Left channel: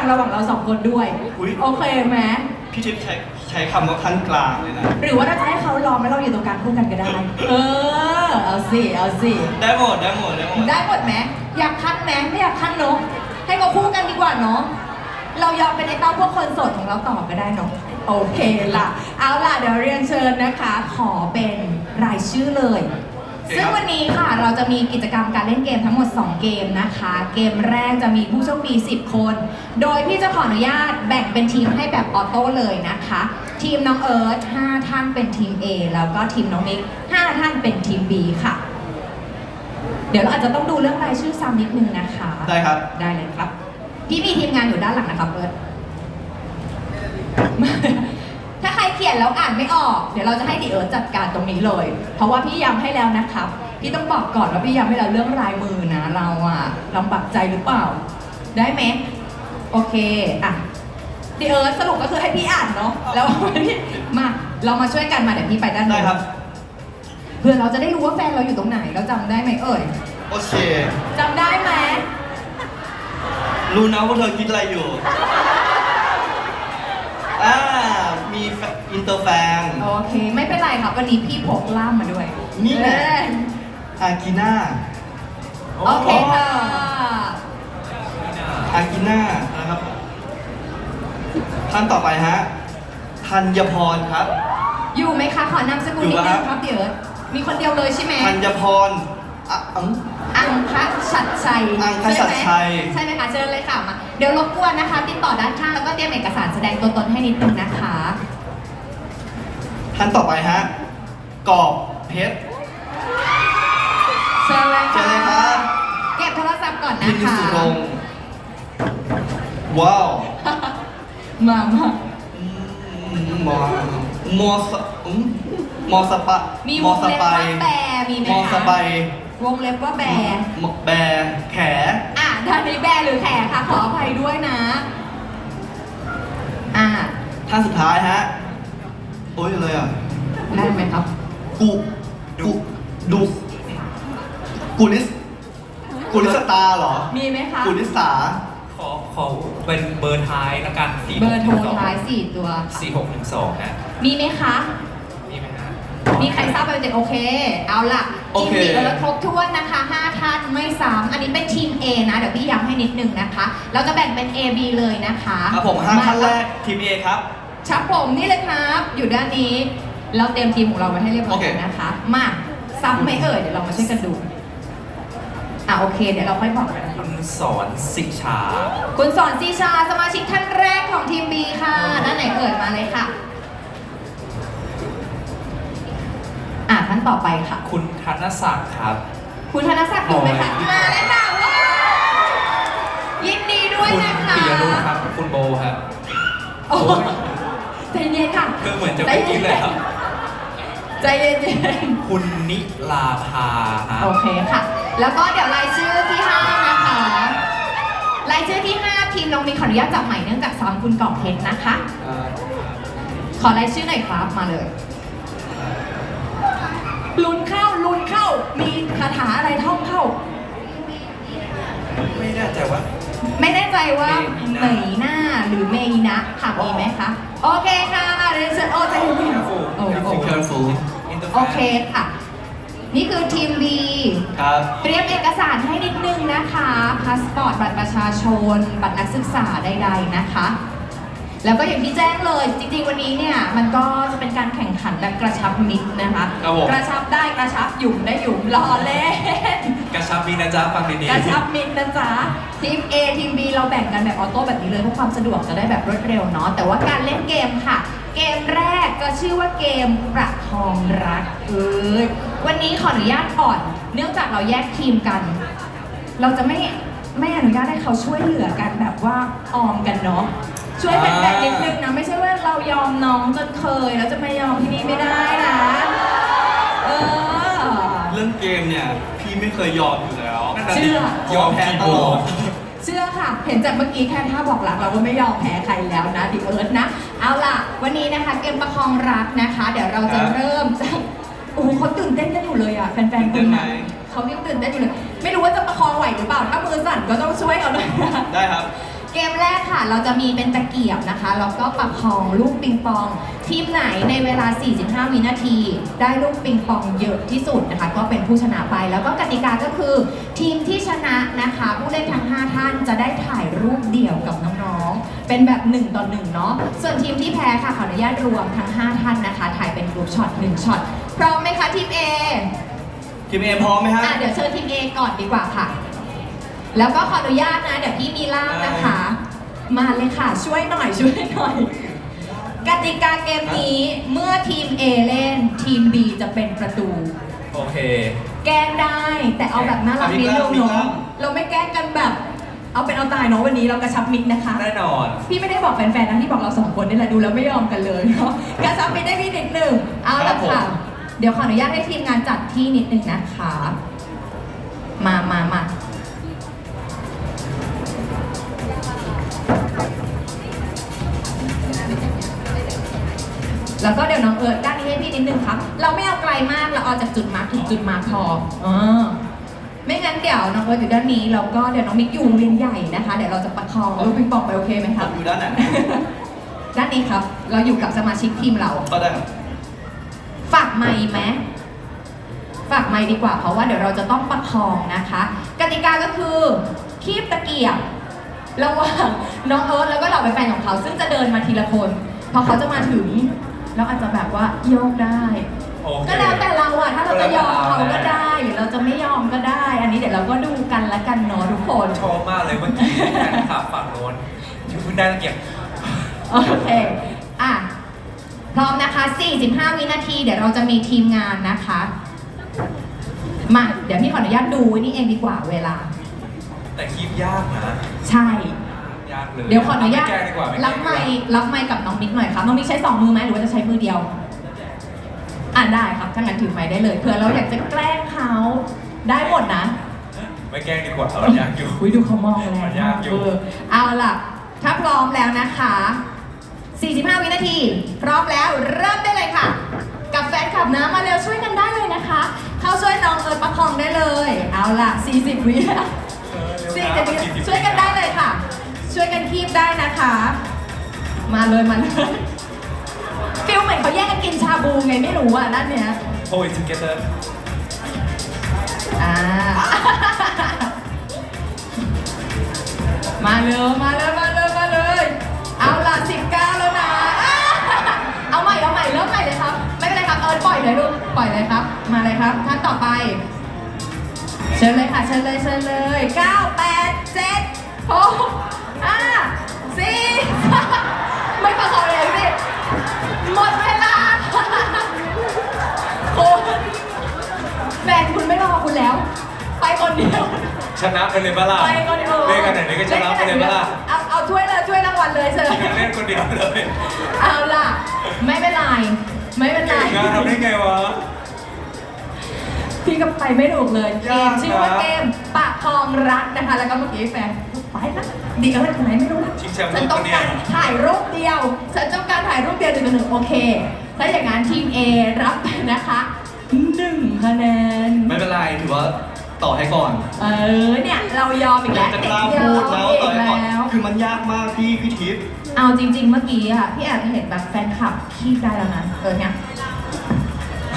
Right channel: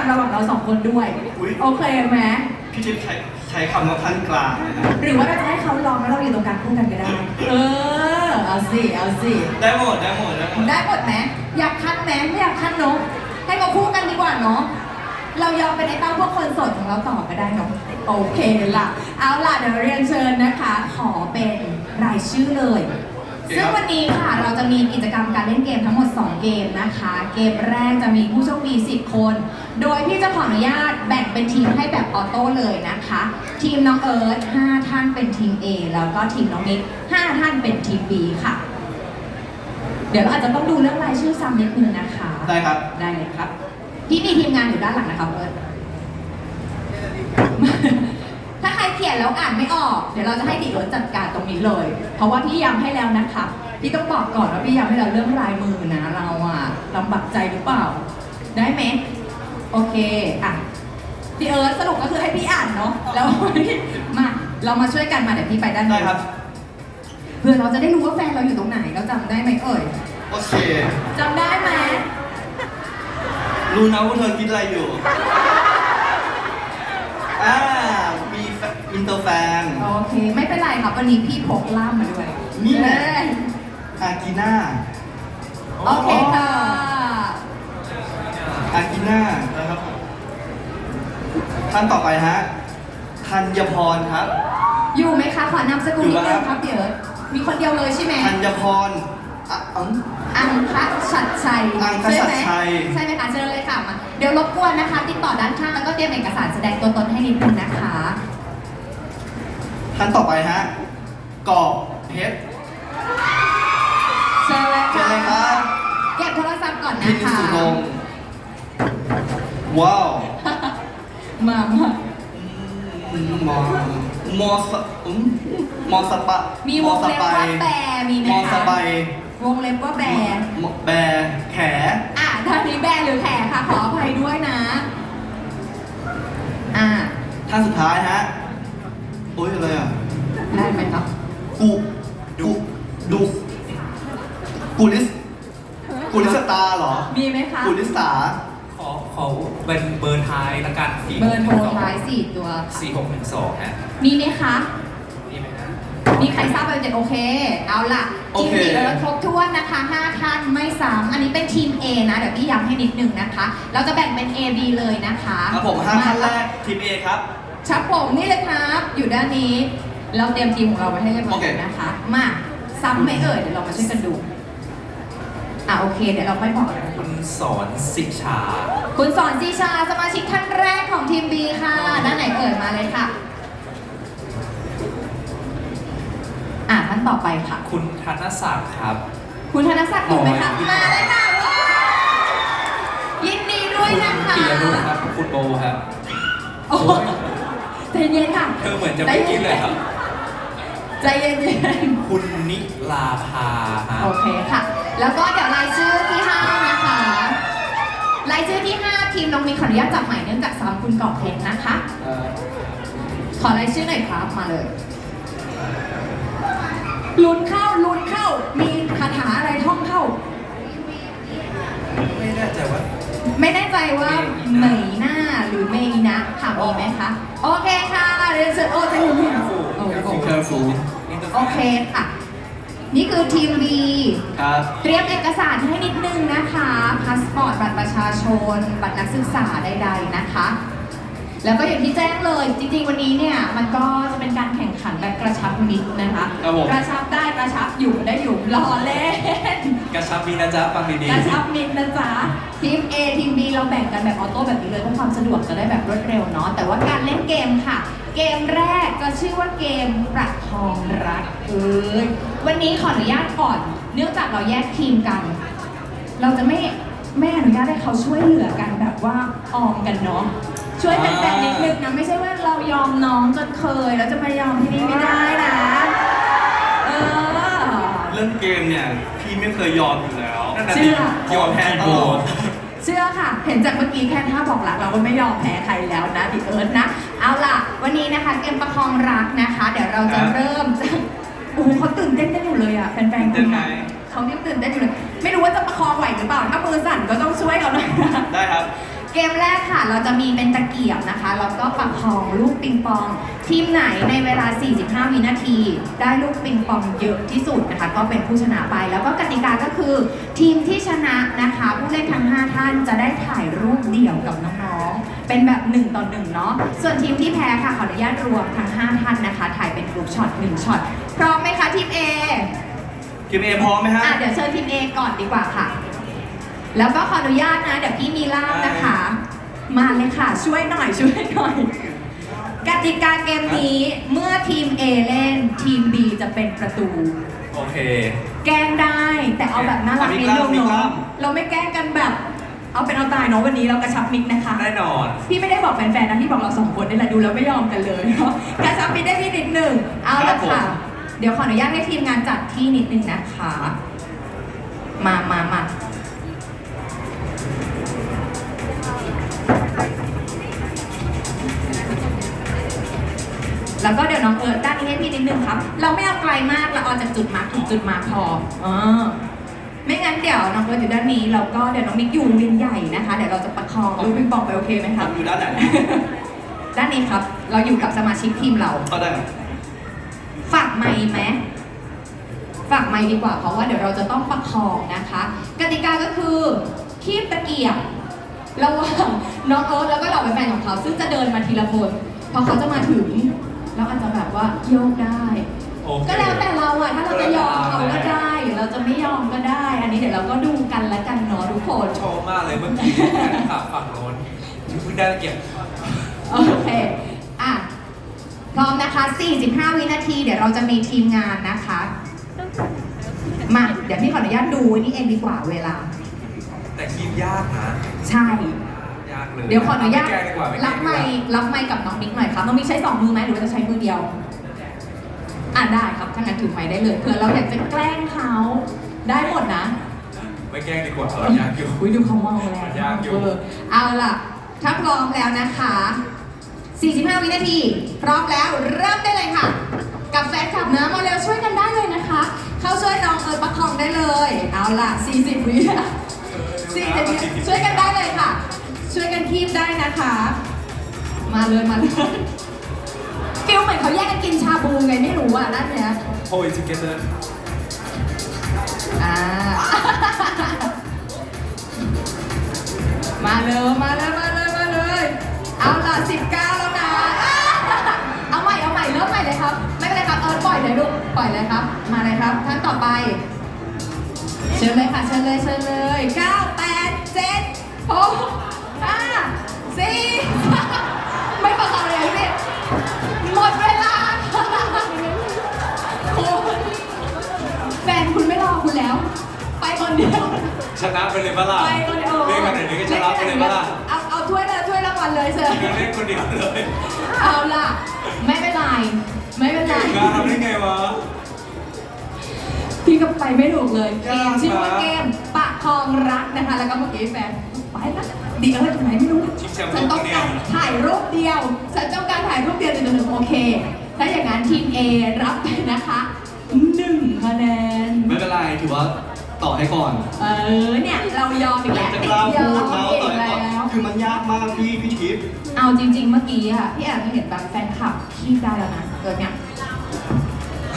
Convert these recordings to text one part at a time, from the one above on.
างระหว่างเราสองคนด้วย อุ๊ย โอเคไหมพี่ทิพย์ใช้ใช้คำว่าขั้นกลางเลยนะหรือว่าเราจะให้เขาลองแล้วเราอยู่ตรงกลางคู่กันก็ได้ เออ เอาสิ เอาสิ ได้หมดได้หมดได้หมดได้หมดไหมอยากคัดไหมไม่อยากคัดเนาะให้เขาคู่กันดีกว่าเนาะเรายอมเป็นไอ้เต้าพวกคนโสดของเราต่อก็ได้เนาะโอเคล่ะ เอาล่ะเดี๋ยวเรียนเชิญนะคะ ขอเป็นรายชื่อเลย ซึ่งวันนี้ค่ะเราจะมีกิจกรรมการเล่นเกมทั้งหมด 2 เกมนะคะ เกมแรกจะมีผู้โชคดี 10 คน โดยพี่จะขออนุญาตแบ่งเป็นทีมให้แบบออโต้เลยนะคะ ทีมน้องเอิร์ธ5ท่านเป็นทีม A แล้วก็ทีมน้องมิก5ท่านเป็นทีม B ค่ะ เดี๋ยวเราอาจจะต้องดูเรื่องรายชื่อซ้ำนิดนึงนะคะ ได้ครับ ได้เลยครับพี่มีทีมงานอยู่ด้านหลังนะคะเพื่อนถ้าใคร เขียนแล้วอ่านไม่ออก เดี๋ยวเราจะให้ดีเอิร์ธจัดการตรงนี้เลย เพราะว่าพี่ย้ำให้แล้วนะครับ พี่ต้องบอกก่อนว่าพี่ย้ำให้แล้วเรื่องลายมือนะ เราอะลำบากใจหรือเปล่า ได้ไหมโอเคอะดีเอิร์ธสรุปก็คือให้พี่อ่านเนาะแล้วมาเรามาช่วยกันมาเดี๋ยวพี่ไปด้านได้นู้นครับ เพื่อเราจะได้รู้ว่าแฟนเราอยู่ตรงไหนเราจำได้ไหมเอ่ยโอเค จำได้ไหมรู้นะว่าเธอคิดอะไรอยู่ อ่า มีแฟอินเตอร์แฟน โอเค ไม่เป็นไรครับวันนี้พี่พกล่ามมาด้วยนี่แหละ เอ้ยอากิน่าโอเคค่ะอากิน่านะครับผมท่านต่อไปฮะธัญพรครับ อยู่ไหมคะขอนามสกุลอยู่นิดนึครังบครับเดี๋ยวมีคนเดียวเลยใช่ไหมธัญพรอะอืม อังคชัดชัยอังคชัดชัย ใช่ไหมใช่ไหมคะเชิญเลยค่ะมาเดี๋ยวรบกวนนะคะ ติดต่อด้านข้างแล้วก็เตรียมเอกสารแสดงตัวตนให้นิดนึงนะคะ ท่านต่อไปฮะกอบเพชรเชิญเลยเชิญค่ะเลยครับเก็บโทรศัพท์ก่อนพินะธีคะสุรงค์ว้าวมามาอืมมอมอสอืมมอสปะมีมวองสเล็บไปว่าแบมีไหมมอสคะไปวงเล็บว่าแบมอแบแข อะท่านนี้แบหรือแขค่ะขออภัยด้วยนะ อะท่านสุดท้ายฮะโอ้ยอะไรอะได้ไหมครับกุดุดุกุลิสกุลิสตาเหรอมีไหมคะกุลิสาขอขอเป็นเบอร์ท้ายละกัน4เบอร์โทรท้ายสี่ตัว4 6 1 2ฮะมีไหมคะนี่ไหมฮะ มีใครทราบเบอร์เจ็ดโอเค เอาล่ะโอทีมเค สีเอิร์ธครบถ้วนนะคะ 5 ท่านไม่ซ้ำอันนี้เป็นทีม A นะ เดี๋ยวพี่ย้ำให้นิดนึงนะคะ เราจะแบ่งเป็น A B เลยนะคะครับผมห้าท่านแรมกทีมเอครับ ชักผมนี่เลยครับ อยู่ด้านนี้ เราเตรียมทีมของเราไว้ให้เรียบร้อยโอเคแล้วนะคะ มาซ้ำไหมเอ่ย เดี๋ยวเรามาช่วยกันดู อะโอเค เดี๋ยวเราค่อยบอกกันนะคุณสอนสิชา คุณสอนซีชาสมาชิกท่านแรกของทีม B ค่ะ ด้านไหนเอ่ยมาเลยค่ะ อะท่านต่อไปค่ะ คุณธนศักดิ์ครับ คุณธนศักดิ์อยู่ไหมคะโอ้ยมาเลยค่ะว้าวยินดีด้วยคุณนะคะปิยรุธครับ คุณโบครับโอ้ย ใจเย็นค่ะคือเหมือนจะไม่คิดเลยครับ ใจเย็นคุณนิลาภาฮะๆโอเคค่ะ แล้วก็เดี๋ยวรายชื่อที่ห้านะคะรายชื่อที่ห้าทีมน้องมีขออนุญาตจับใหม่เนื่องจากซ้ำคุณกอบเพชรนะคะขอรายชื่อหน่อยครับมาเลย ลุ้นเข้าลุ้นเข้า มีคาถาอะไรท่องเข้า ไม่แน่ใจว่า ไม่แน่ใจว่าเมเหมยยหน้าหรือเมยนะค่ะมีไหมคะ โอ เคค่ะเรียนเชิญโอ้ใจเย็นๆโอ้โห careful โอเคค่ะ นี่คือทีม B ครับ เตรียมเอกสารให้นิดนึงนะคะ พาสปอร์ต บัตรประชาชน บัตรนักศึกษาใดๆนะคะ แล้วก็อย่างที่แจ้งเลย จริงๆ วันนี้เนี่ย มันก็จะเป็นการแข่งขันแบบกระชับมิตรนะคะ ครับผม กระชับได้กระชับอยู่ได้อยู่รอเล่น กระชับดีนะจ๊ะฟังดีๆ กระชับมิตรนะจ๊ะ ทีม A ทีม B เราแบ่งกันแบบออโต้แบบนี้เลยเพื่อความสะดวกจะได้แบบรวดเร็วเนาะแต่ว่าการเล่นเกมค่ะ เกมแรกจะชื่อว่าเกมประคองรักเอ้ยวันนี้ขออนุญาตก่อน เนื่องจากเราแยกทีมกัน เราจะไม่ไม่อนุญาตให้เขาช่วยเหลือกันแบบว่าออมกันเนาะช่วยเป็นแบบนิดนึงนะไม่ใช่ว่าเรายอมน้องจนเคยแล้วจะมายอมที่นี่ไม่ได้นะเออเรื่องเกมเนี่ยพี่ไม่เคยยอมอยู่แล้วนั่นน่ะเชื่สิอยอมแพ้ตลอด เชื่อค่ะ เห็นจากเมื่อกี้แค่ท่าบอกรักเราก็ไม่ยอมแพ้ใครแล้วนะดิเอิร์ธนะ เอาล่ะ วันนี้นะคะเกมประคองรักนะคะ เดี๋ยวเราจะครับ เริ่มจากโอ้โหเขาตื่นเต้นกันอยู่เลยอะแฟนตื่นๆเต้คุนณไหมนะเขายังตื่นเต้นอยู่เลย ไม่รู้ว่าจะประคองไหวหรือเปล่า ถ้ามือสั่นก็ต้องช่วยเขาหน่อยนะ ได้ครับ เกมแรกค่ะ เราจะมีเป็นตะเกียบนะคะ แล้วก็ประคองลูกปิงปอง ทีมไหนในเวลา 45 วินาที ได้ลูกปิงปองเยอะที่สุดนะคะ ก็เป็นผู้ชนะไป แล้วก็กติกาก็คือ ทีมที่ชนะนะคะ ผู้เล่นทั้ง 5 ท่านจะได้ถ่ายรูปเดี่ยวกับน้องๆ เป็นแบบ1ต่อ1เนาะส่วนทีมที่แพ้ค่ะขออนุญาตรวมทั้ง 5 ท่านนะคะ ถ่ายเป็นกลุ่มช็อต1ช็อตพร้อมไหมคะทีม A ทีมเอพร้อมไหมฮะ อะเดี๋ยวเชิญทีม A ก่อนดีกว่าค่ะ แล้วก็ขออนุญาตนะ เดี๋ยวพี่มีล่ามนะคะ มาเลยค่ะ ช่วยหน่อยช่วยหน่อย กติกาเกมนี้เมื่อทีม A เล่นทีม B จะเป็นประตู โอเค แกล้งได้แต่เอาแบบน่ารักนิดนึงมีกล้าเนาะมเราไม่แกล้งกันแบบ เอาเป็นเอาตายเนาะวันนี้เรากระชับมิกนะคะ แน่นอน พี่ไม่ได้บอกแฟนๆนะที่บอกเราสองคนนี่แหละดูแล้วไม่ยอมกันเลยเนาะกระชับมิกได้ที่นิดหนึ่งเอาครัละบผม ค่ะ เดี๋ยวขออนุญาตให้ทีมงานจัดที่นิดนึงนะคะ มามามาแล้วก็เดี๋ยวน้องเอิร์ธด้านนี้ให้พี่นิดนึงครับ เราไม่เอาไกลมากเราเอาจากจุดมาร์คถึงจุดมาร์คพอเออ ไม่งั้นเดี๋ยวน้องเอิร์ธอยู่ด้านนี้แล้วก็เดี๋ยวน้องมิกอยู่วินใหญ่นะคะเดี๋ยวเราจะประคองลูกปิงปองไปโอเคไหมคครัรับบอยู่ด้านไหนด้านนี้ครับ เราอยู่กับสมาชิกทีมเรา ก็ได้ครับฝากไมค์ไหมฝากไมค์ดีกว่า เพราะว่าเดี๋ยวเราจะต้องประคองนะคะ กติกาก็คือคีบตะเกียบระหว่างน้องเอิร์ธแล้วก็เราเป็นแฟนของเขา ซึ่งจะเดินมาทีละคน พอเขาจะมาถึง เราอาจจะแบบว่าโยกได้ โอเค ก็แล้วแต่เราอะถ้าเราจะยอมเขาก็ก็แล้วแต่เราได้หรือเราจะไม่ยอมก็ได้ อันนี้เดี๋ยวเราก็ดูกันละกันเนาะทุกคน ชอบมากเลยเมื่อกี้แฟนคลับฝั่งโน้นที่เพิ่งได้ตะเกียบโอเค อะ พร้อมนะคะ 45 วินาที เดี๋ยวเราจะมีทีมงานนะคะ มา เดี๋ยวพี่ขออนุญาตดูนี่เองดีกว่าเวลา แต่คีบยากนะใช่ ยากเลยเดี๋ยวขออนุญาตไม่แก้ดีกว่าไม่แก้รับดีกไมว่า ค์รับไมค์กับน้องบิ๊กหน่อยครับ น้องบิ๊กใช้สองมือไหมหรือว่าจะใช้มือเดียว อะได้ครับถ้างั้นถือไมค์ได้เลยเผื่อเราอยากจะแกล้งเขาได้หมดนะไม่แก้ดีกว่ามันยากอยู่ อุ้ยดูเขามองแรงมันยากอยู่เเอาล่ะ ถ้าพร้อมแล้วนะคะ 45 วินาที พร้อมแล้วเริ่มได้เลยค่ะ กับแฟนคลับนะมาเร็วช่วยกันได้เลยนะคะ เข้าช่วยน้องเอิร์ธประคองได้เลย เอาล่ะ 40 วิเออเร็วสี่นะสิบมันวิ40ช่วยกันได้เลยค่ะ ช่วยกันคีบได้นะคะ มาเลยมาเลยฟิ ลเหมือนเขาแย่งกันกินชาบูไงไม่รู้อะนั่นเนี้ย Hold it together อ่า มาเลยมาเลยมาเลยมาเลย เอาล่ะ19แล้วนะอ้าเอาใหม่เอาใหม่เริ่มใหม่เลยครับ ไม่เป็นไรครับเอิร์ธปล่อยเลยลูกปล่อยเลยครับ มาเลยครับท่านต่อไป เชิญเลยค่ะเชิญเลยเชิญเลย9 8 ชนะไปเลยปะล่ะไปคนเดียวเล่นกันไหนนี้ก็ชนะไปเลยปะล่ะเอาเอาถ้วยเลยถ้วยรางวัลเลยเชิญเล่นคนเดียวเลย เอาล่ะ ไม่เป็นไร ไม่เป็นไรงานทำได้ไงวะพี่ก็ไปไม่ถูกเลยเกยามกนะชื่อว่าเกมปะคองรักนะคะ แล้วก็เมื่อกี้แฟนไปนะดีอะไรตรงไหนไม่รู้นะชิงแชมป์ฉันต้องการโลกปะเนี่ยถ่ายรูปเดียวฉันต้องการถ่ายรูปเดียวหนึ่งต่อหนึ่งโอเค ถ้าอย่างนั้นทีม A รับไปนะคะหนึ่งคะแนน ไม่เป็นไรถือว่า ต่อให้ก่อนเออเนี่ยเรายอมอีกแล้วจะติกดล้ายอพูมดแล้วอีต่อกให้ก่อนแล้ว คือมันยากมากพี่พี่ทิพย์เอาจริง ๆ เมื่อกี้อะพี่แอบเห็นแบบแฟนคลับขี้ได้แล้วนะเออเนี่ย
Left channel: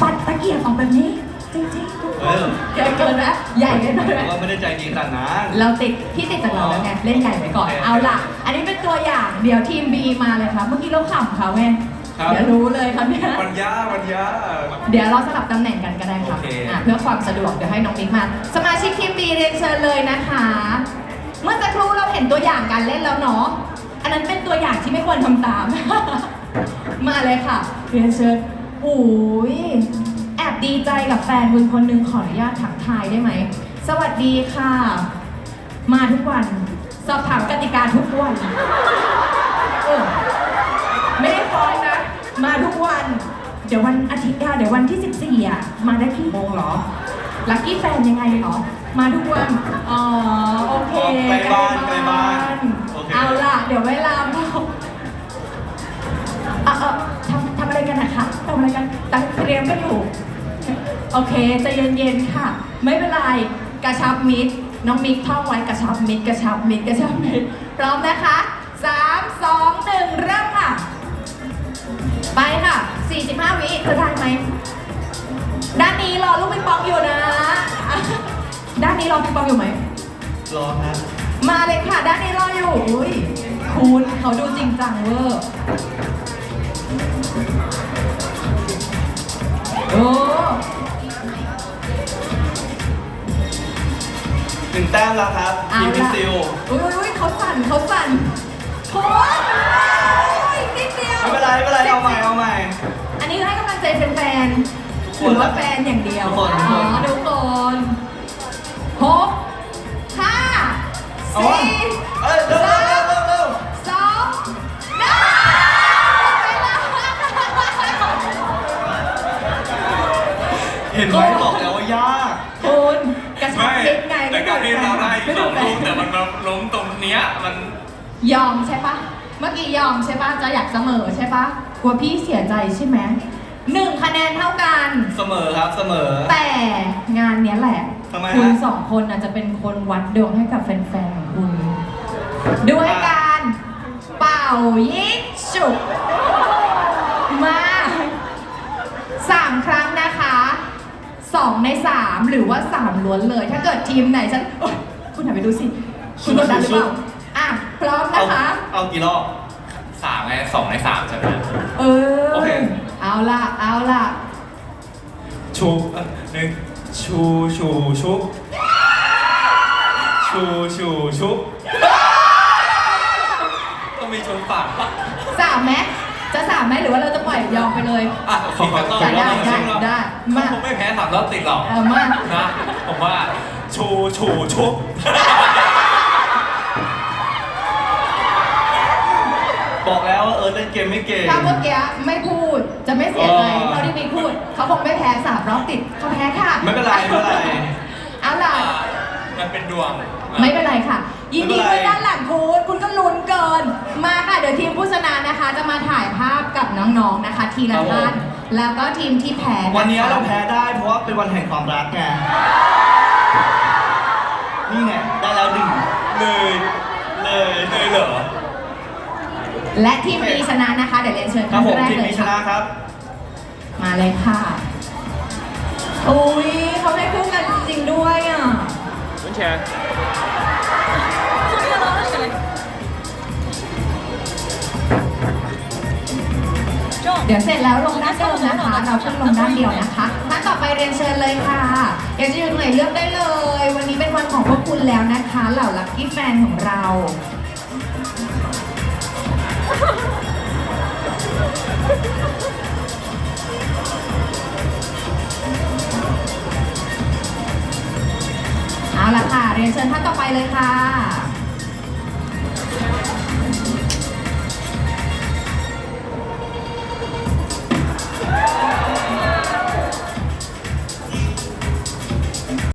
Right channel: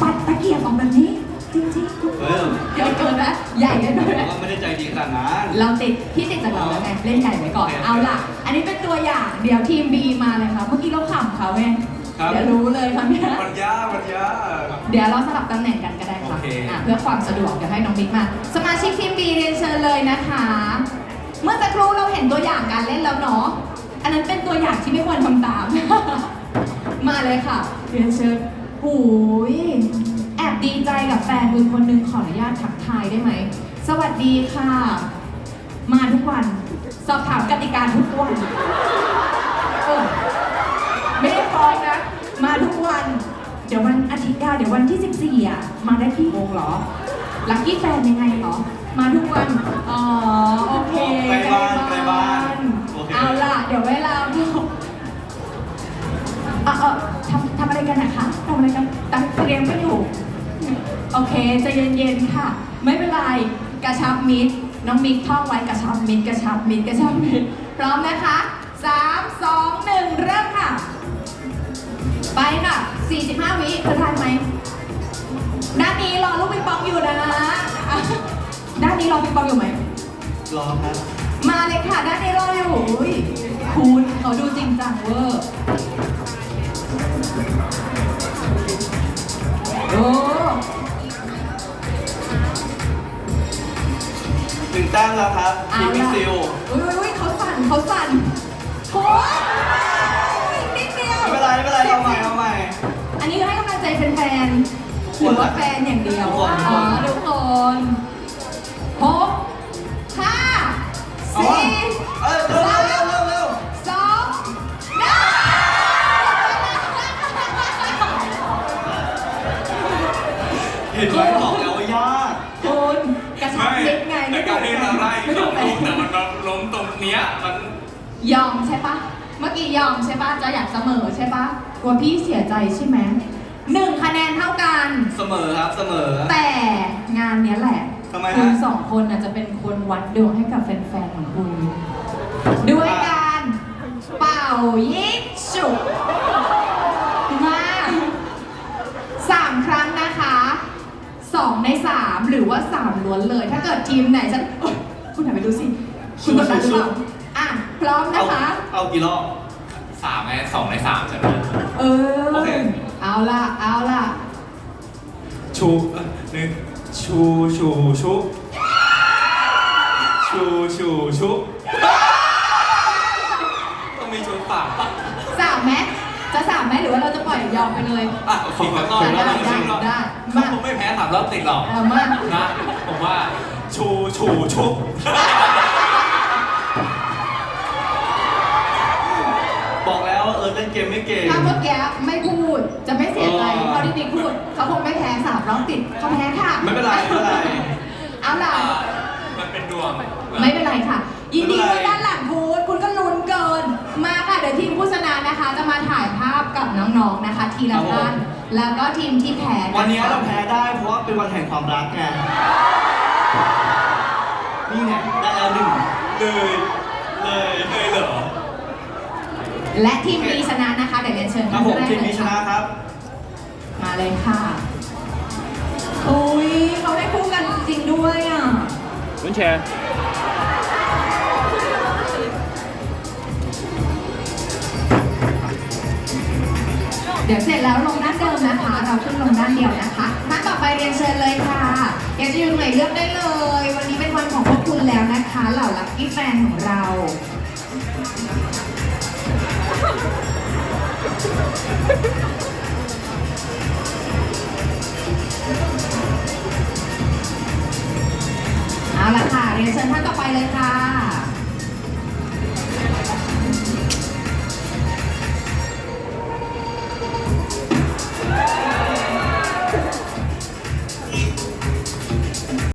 ปัดตะเกียบออกแบบนี้ จริงๆทุกคเอนอเกินเกินนะใหญ่เลยนะแต่ว่าไม่ได้ใจดีขนาดนั้น เราติดพี่ติดจากเราแล้วไงเล่นใหญ่ไว้ก่อนโอเคเอาล่ะ อันนี้เป็นตัวอย่างเดี๋ยวทีม B มาเลยค่ะเมื่อกี้เราขำเขาไง ครับ เดี๋ยวรู้เลยครับเนี่ย มันยากมันยาก เดี๋ยวเราสลับตำแหน่งกันก็ได้ครับโอเค อะเพื่อความสะดวกเดี๋ยวให้น้องมิกมา สมาชิกทีม B เรียนเชิญเลยนะคะ เมื่อสักครู่เราเห็นตัวอย่างการเล่นแล้วเนาะ อันนั้นเป็นตัวอย่างที่ไม่ควรทำตาม มาเลยค่ะ เรียนเชิญโอ้ยแอบดีใจกับแฟนคุณคนหนึงขออนุญาตทักทายได้ไหม สวัสดีค่ะ มาทุกวัน สอบถามกติกาทุกวัน เออ มาทุกวัน เดี๋ยววันอาทิตย์อะเดี๋ยววันที่ 14 อะ มาได้กี่โมงเหรอ ลักกี้แฟนยังไงเหรอ มาทุกวัน อ๋อ โอเคใกล้บ้านใกล้บ้านโอเค เอาล่ะ เดี๋ยวเวลาบอกเออเออทำทำอะไรกันนะคะทำอะไรกันตั้งเตรียมกันอยู่โอเคใจะเย็นๆค่ะ ไม่เป็นไรกระชับมิตรน้องมิกท่องไว้กระชับมิดกระชับมิดกระชับมิดพร้อมนะคะสามสองหนึ่งเริ่มค่ะไปค่ะ 45 วิเธอทันไหม ด้านนี้รอลูกปิงปองอยู่นะ ด้านนี้รอปิงปองอยู่ไหม รอครับมาเลยค่ะ ด้านนี้รออยู่อุ๊ยคุณเขาดูจริงจังเวอร์โอ้หนึ่งแต้มแล้วครับเอาทีมพิล่ะซิลอุ้ยอุ้ยอุ้ยเขาสั่นเขาสั่นโอ้ยอีกนิดเดียว ไม่เป็นไรไม่เป็นไรเอาใหม่เอาใหม่ อันนี้ให้กำลังใจแฟนทุกๆหคนรือว่าแฟนอย่างเดียวทุกคนทุกคน อ๋อทุกคนหกห้าเอาวะสี่ เอ้ยเร็วเร็วเร็วเร็วเร็วสองหนึ่งหมดเวลาเห็นไหมบอกแล้วว่ายากคุณกระชับไม่มิดไงแต่การที่เราได้อีกสองลูกแต่มันมาล้มตรงเนี้ยมัน ยอมใช่ปะเมื่อกี้ยอมใช่ปะจะอยากเสมอใช่ปะ กลัวพี่เสียใจใช่ไหมหนึ่งคะแนนเท่ากัน เสมอครับเสมอ แต่งานเนี้ยแหละ ทำไมฮะ คุณสองคนอาจจะเป็นคนวัดดวงให้กับแฟนๆ ของคุณ ด้วยการเป่ายิงฉุกมาสามครั้งนะคะสองในสามหรือว่าสามล้วนเลย ถ้าเกิดทีมไหนฉันโอ๊ยคุณหันไปดูสิ คุณกดดันหรือเปล่า อะ พร้อมเอานะคะเอากี่รอบ สามไงสองในสามใช่ไหมเออ โอเค เอาล่ะ เอาล่ะ ชูเอ้ยหนึ่งชูชูชุบชูชูชุบต้องมีชูปากปะสามไหมจะสามไหมหรือว่าเราจะปล่อยยอมไปเลย อะขอขอขอได้รอบได้หนึ่งรอบได้เขามาคงไม่แพ้สามรอบติดหรอก เอามา นะ ผมว่าชูชูชุบ บอกแล้วว่า เออเล่นเกมไม่เก่ง ถ้าเมื่อกี้ไม่พูดจะไม่เสียใจเออเท่าที่บิ๊กพูด เขาคงไม่แพ้สามรอบติดเขาแพ้ค่ะไม่เป็นไรไม่เป็นไร เอาล่ะ อ่ามันเป็นดวงไม่เป็นไรค่ะ ยินดีไม่ด้วยเป็นไรด้านหลังคุณคุณก็ลุ้นเกิน มาค่ะ เดี๋ยวทีมผู้ชนะนะคะ จะมาถ่ายภาพกับน้องๆนะคะ ทีละท่านแล้วก็ทีมที่แพ้ะคะวันนี้เราแพ้ได้เพราะว่าเป็นวันแห่งความรักไง นี่ไงได้แล้วหนึ่งเลยเลยเลยเหรอ และทีมนี้ชนะนะคะ เดี๋ยวเรียนเชิญครัท่าบนผมแรกทีมเลยนี้ชค่ะนะครับ มาเลยค่ะอุ้ยเขาให้คู่กันจริงๆด้วยอะคุณแชร์เดี๋ยวเสร็จแล้วลงด้านเดิมนะคะ เราขึ้นลงด้านเดียวนะคะท่านต่อไปเรียนเชิญเลยค่ะอยากจะอยู่ตรงไหนเลือกได้เลย วันนี้เป็นวันของพวกคุณแล้วนะคะ เหล่าลัคกี้แฟนของเรา